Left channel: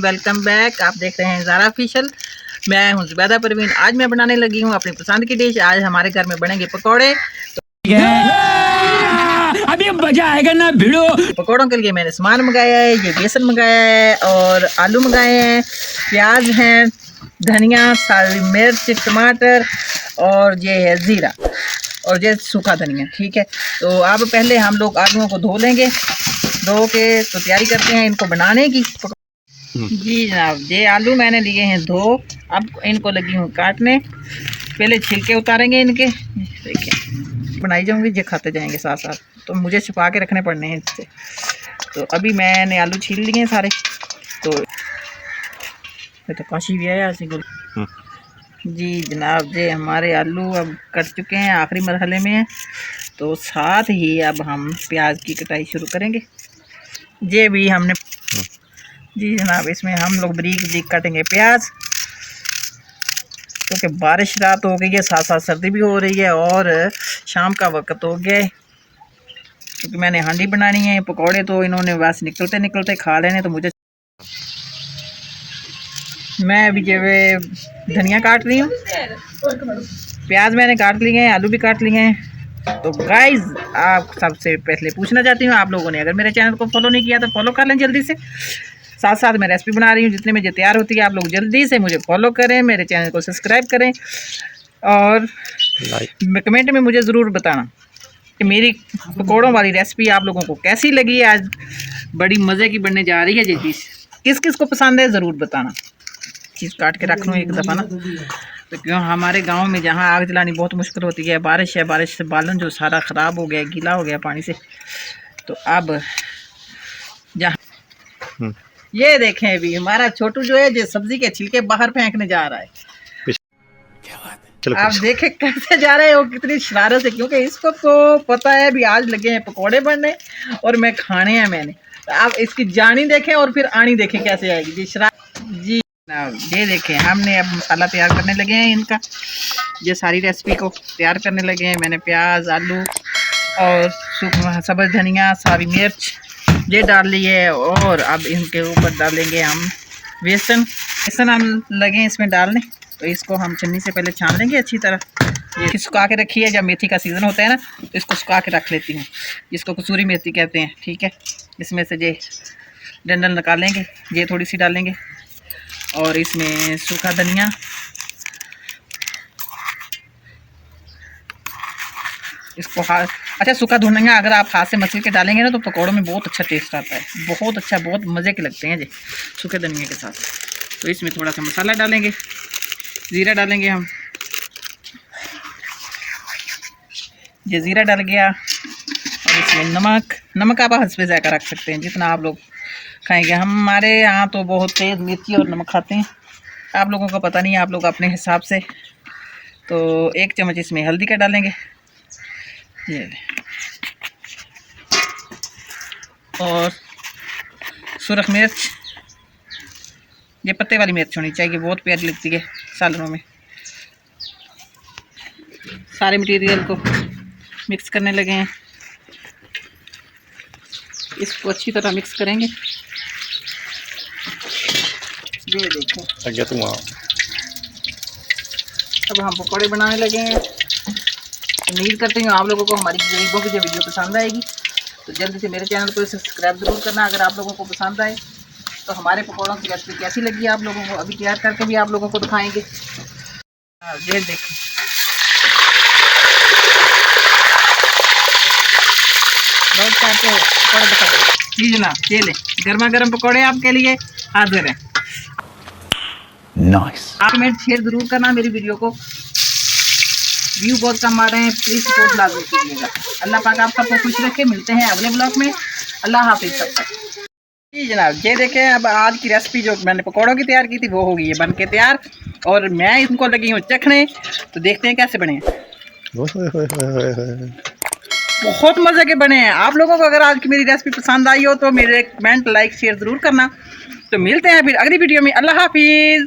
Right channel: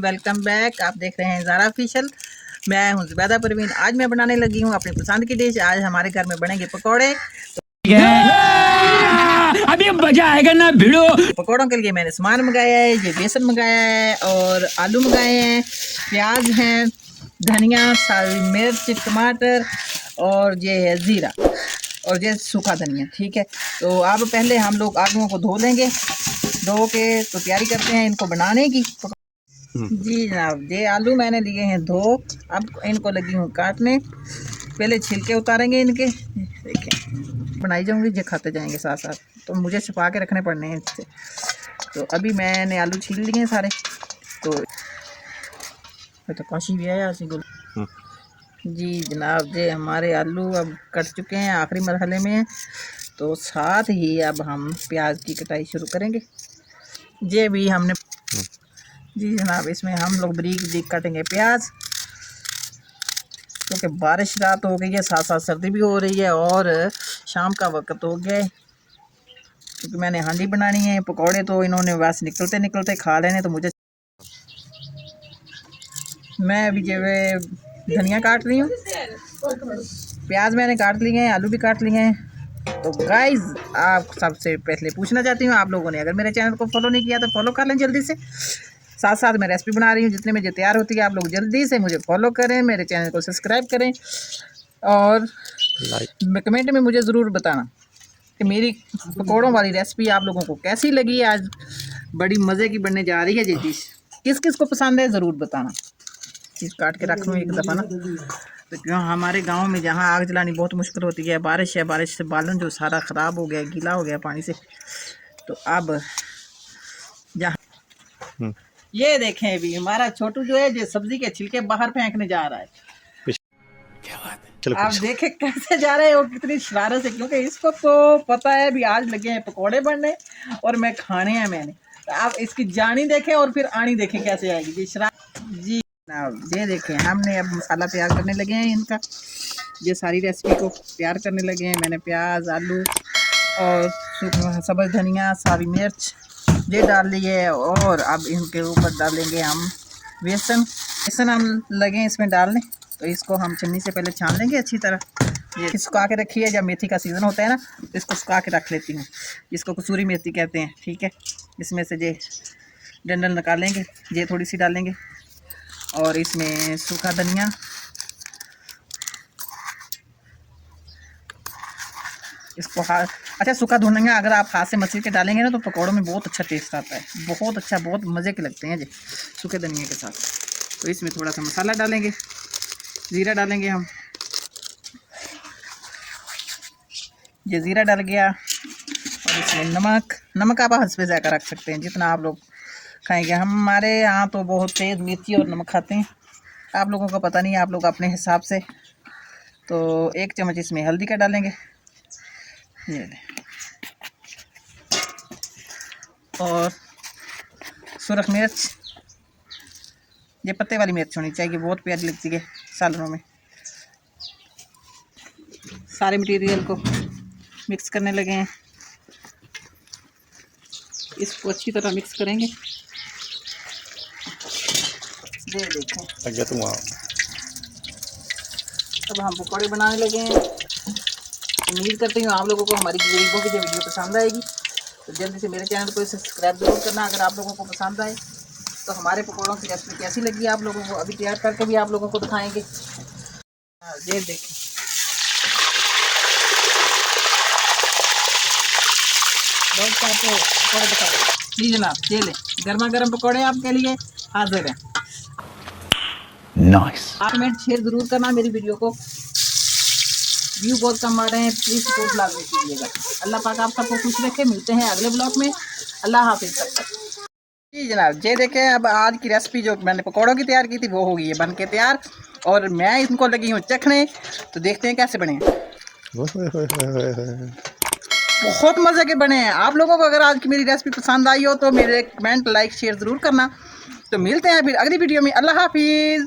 Welcome back. आप देख रहे हैं ज़ारा ऑफिशियल। मैं हूं ज़ुबैदा परवीन। आज मैं बनाने लगी हूं अपनी पसंद की डिश। आज हमारे घर में बनेंगे पकौड़े। अभी मजा आएगा ना भिड़ो। पकौड़ों के लिए मैंने सामान मंगाया है। ये बेसन मंगाया है और आलू मंगाए हैं, प्याज हैं, धनिया, सारी मिर्च, टमाटर और ये है ज़ीरा और ये सूखा धनिया। ठीक है, तो अब पहले हम लोग आलूओं को धो लेंगे। धो के तो तैयारी करते हैं इनको बनाने की। जी जनाब, ये आलू मैंने लिए हैं धो। अब इनको लगी हूँ काटने। पहले छिलके उतारेंगे इनके। देखिए बनाई जाऊँगी, ये खाते जाएंगे साथ साथ, तो मुझे छुपा के रखने पड़ने हैं इससे। तो अभी मैंने आलू छील लिए हैं सारे। तो काशी भी आया जी जनाब, ये हमारे आलू अब कट चुके हैं, आखिरी मरहले में हैं। तो साथ ही अब हम प्याज की कटाई शुरू करेंगे। ये भी हमने जी जनाब, इसमें हम लोग बारीक बारीक काटेंगे प्याज, क्योंकि बारिश रात हो गई है, साथ साथ सर्दी भी हो रही है और शाम का वक्त हो गया है। क्योंकि मैंने हांडी बनानी है, पकौड़े तो इन्होंने बस निकलते निकलते खा लेने, तो मुझे मैं अभी जो धनिया काट रही हूँ, प्याज मैंने काट लिए हैं, आलू भी काट लिए हैं। तो गाइज, आप सबसे पहले पूछना चाहती हूँ, आप लोगों ने अगर मेरे चैनल को फॉलो नहीं किया तो फॉलो कर लें जल्दी से। साथ साथ मैं रेसिपी बना रही हूँ, जितने में जो तैयार होती है आप लोग जल्दी से मुझे फॉलो करें, मेरे चैनल को सब्सक्राइब करें और कमेंट में मुझे ज़रूर बताना कि मेरी पकौड़ों वाली रेसिपी आप लोगों को कैसी लगी है। आज बड़ी मज़े की बनने जा रही है ये चीज़। किस किस को पसंद है ज़रूर बताना। चीज़ काट के रख लूँ एक दफ़ा ना, तो क्यों हमारे गांव में जहाँ आग जलानी बहुत मुश्किल होती है, बारिश है, बारिश से बालन जो सारा ख़राब हो गया, गीला हो गया पानी से। तो अब जहाँ ये देखें, अभी हमारा छोटू जो है, जो सब्जी के छिलके बाहर फेंकने जा रहा है। क्या बात है, आप देखें कैसे जा रहे हैं वो, कितनी शरारत है, क्योंकि इसको तो पता है भी आज लगे हैं पकौड़े बनने और मैं खाने हैं मैंने। तो आप इसकी जानी देखें और फिर आनी देखें कैसे आएगी जी शरारत। जी ये देखें, हमने अब मसाला तैयार करने लगे हैं इनका। ये सारी रेसिपी को तैयार करने लगे हैं। मैंने प्याज, आलू और सब्ज़ धनिया, सारी मिर्च ये डाल ली है और अब इनके ऊपर डालेंगे हम बेसन। बेसन हम लगे इसमें डालने, तो इसको हम चन्नी से पहले छान लेंगे अच्छी तरह। ये सुखा के रखी है, जब मेथी का सीज़न होता है ना, तो इसको सुखा के रख लेती हूँ। इसको कसूरी मेथी कहते हैं। ठीक है, इसमें से ये डंडल निकालेंगे, ये थोड़ी सी डालेंगे और इसमें सूखा धनिया, इसको अच्छा सूखा धनिया अगर आप हाथ से मसल के डालेंगे ना, तो पकौड़ों में बहुत अच्छा टेस्ट आता है, बहुत अच्छा, बहुत मज़े के लगते हैं जी सूखे धनिया के साथ। तो इसमें थोड़ा सा मसाला डालेंगे, ज़ीरा डालेंगे हम। ये ज़ीरा डाल गया और इसमें नमक आप हस्बे ज़ायक़ा रख सकते हैं, जितना आप लोग खाएंगे। हमारे यहाँ तो बहुत तेज़ मिर्ची और नमक खाते हैं, आप लोगों को पता नहीं है, आप लोग अपने हिसाब से। तो 1 चम्मच इसमें हल्दी का डालेंगे, ये और सुरख मिर्च, ये पत्ते वाली मिर्च होनी चाहिए, बहुत प्यारी लगती है सालनों में। सारे मटेरियल को मिक्स करने लगे हैं, इसको अच्छी तरह मिक्स करेंगे। ये देखो अब हम पकौड़े बनाने लगे हैं। उम्मीद करती हूँ आप लोगों को हमारी गरीबों की जो वीडियो पसंद आएगी। तो जल्दी से मेरे चैनल को सब्सक्राइब जरूर करना अगर आप लोगों को पसंद आए। तो हमारे पकौड़ों की रेसिपी कैसी लगी आप लोगों को, अभी तैयार करके भी आप लोगों को दिखाएंगे। ये देखो, जी जनाब, ये ले गर्मा गर्म पकौड़े आपके लिए हाजिर हैं। नाइस। आप कमेंट शेयर जरूर करना मेरी वीडियो को। व्यू बहुत कम आ रहे हैं, प्लीज़ सपोर्ट लाजमी कीजिएगा। अल्लाह पाक आप सबको खुश रखे। मिलते हैं अगले ब्लॉग में। अल्लाह हाफिज़ सब तक। जी जनाब, ये देखें, अब आज की रेसिपी जो मैंने पकौड़ों की तैयार की थी वो हो गई है बन के तैयार और मैं इनको लगी हूँ चखने। तो देखते हैं कैसे बने हैं। बहुत मज़े के बने हैं। आप लोगों को अगर आज की मेरी रेसिपी पसंद आई हो तो मेरे कमेंट, लाइक, शेयर ज़रूर करना। तो मिलते हैं फिर अगली वीडियो में। अल्लाह हाफिज़।